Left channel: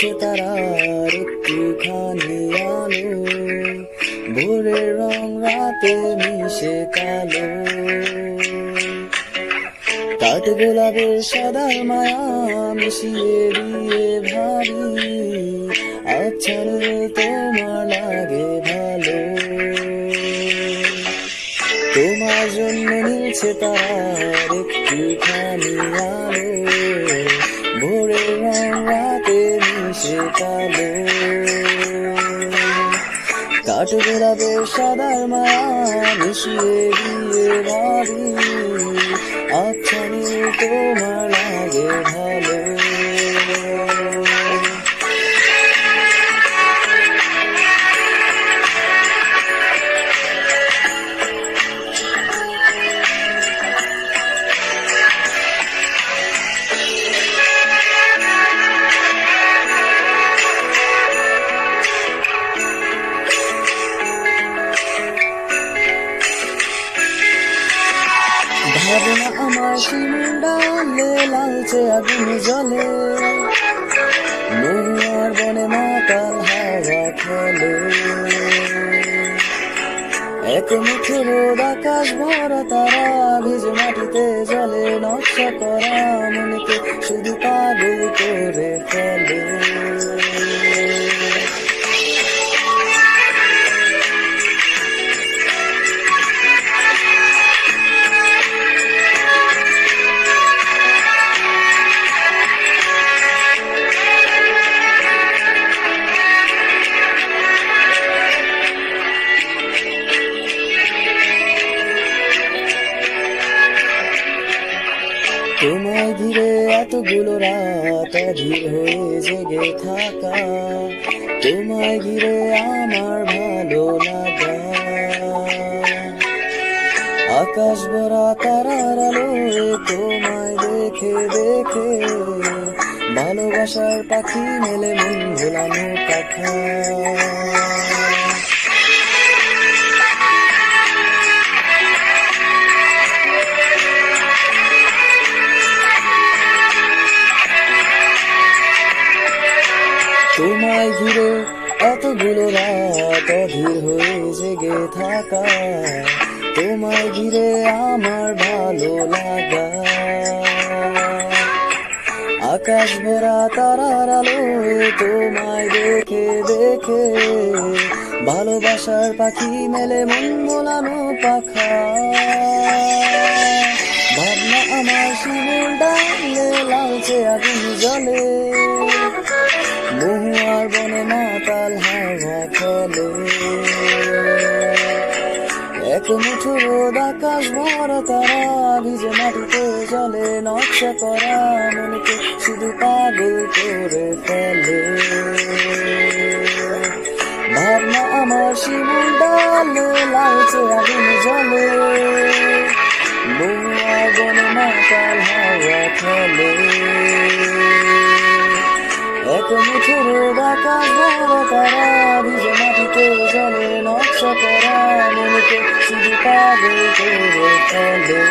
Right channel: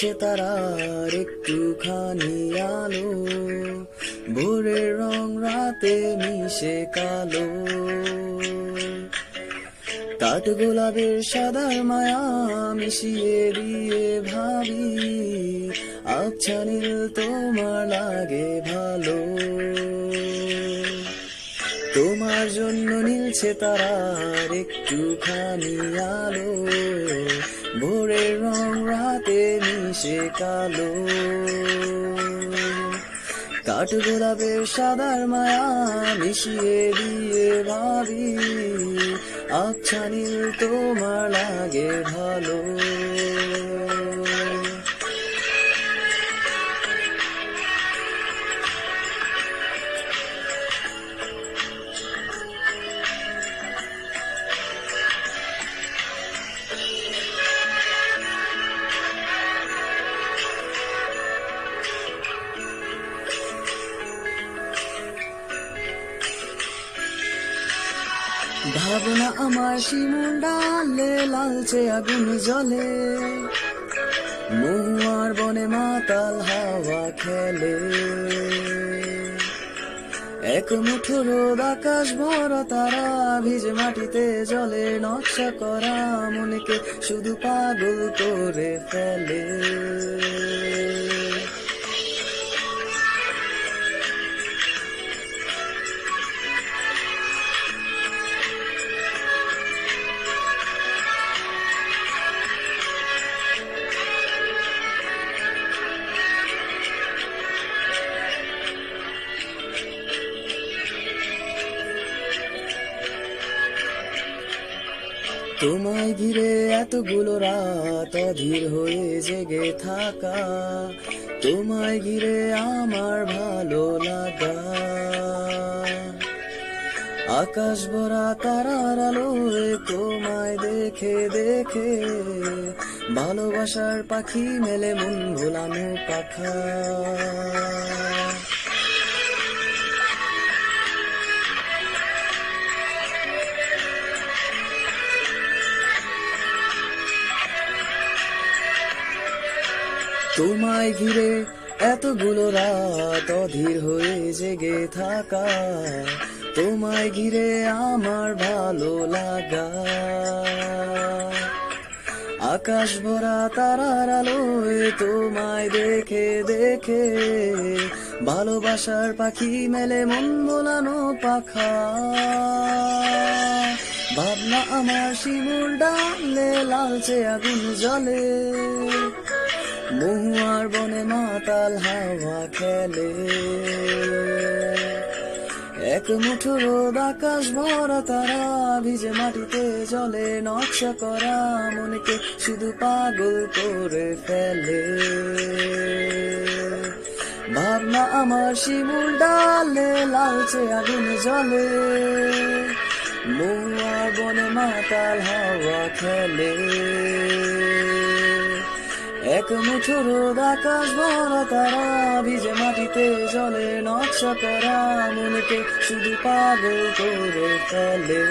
নীলছে তারার একটুখানি আলো, ভোরের রং রাতে মিশে কালো। কাঠ গোলাপের সাদার মায়া মিশিয়ে দিয়ে ভাবি, আচ্ছা নীল তোমার লাগে ভালো। তোমার জন্য নীলছে তারার একটুখানি আলো, ভোরের রং রাতে মিশে কালো। কাঠ গোলাপের সাদার মায়া মিশিয়ে দিয়ে ভাবি, আচ্ছা নীল তোমার লাগে ভালো। ভাবনা আমার শিমুল ডালে লালচে আগুন জ্বলে, মহুয়ার বনে মাতাল হাওয়া খেলে। এক মুঠো রোদ আকাশ ভরা তারা ভিজে মাটিতে জলে, নকশা করা মনকে শুধু পাগল করে ফেলে। তোমায় ঘিরে এতগুলো রাত অধীর হয়ে জেগে থাকা, তোমায় ঘিরে আমার ভালো লাগা। আকাশ ভরা তারার আলোয় তোমায় দেখে দেখে, ভালোবাসার পাখি মেলে মন ভোলানো পাখা। তোমায় ঘিরে এতগুলো রাত অধীর হয়ে জেগে থাকা, তোমায় ঘিরে আমার ভালো লাগা। আকাশ ভরা তারার আলোয় তোমায় দেখে দেখে, ভালোবাসার পাখি মেলে মন ভোলানো পাখা। ভাবনা আমার শিমুল ডালে লালচে আগুন জ্বলে, মহুয়ার বনে মাতাল হাওয়া খেলে। এক মুঠো রোদ আকাশ ভরা তারা ভিজে মাটিতে জলে, নকশা করা মনকে শুধু পাগল করে ফেলে। ভাবনা আমার শিমুল ডালে লালচে আগুন জ্বলে, মহুয়ার বনে মাতাল হাওয়া খেলে। এক মুঠো রোদ আকাশ ভরা তারা ভিজে মাটিতে জলে, নকশা করা মনকে শুধু পাগল করে ফেলে।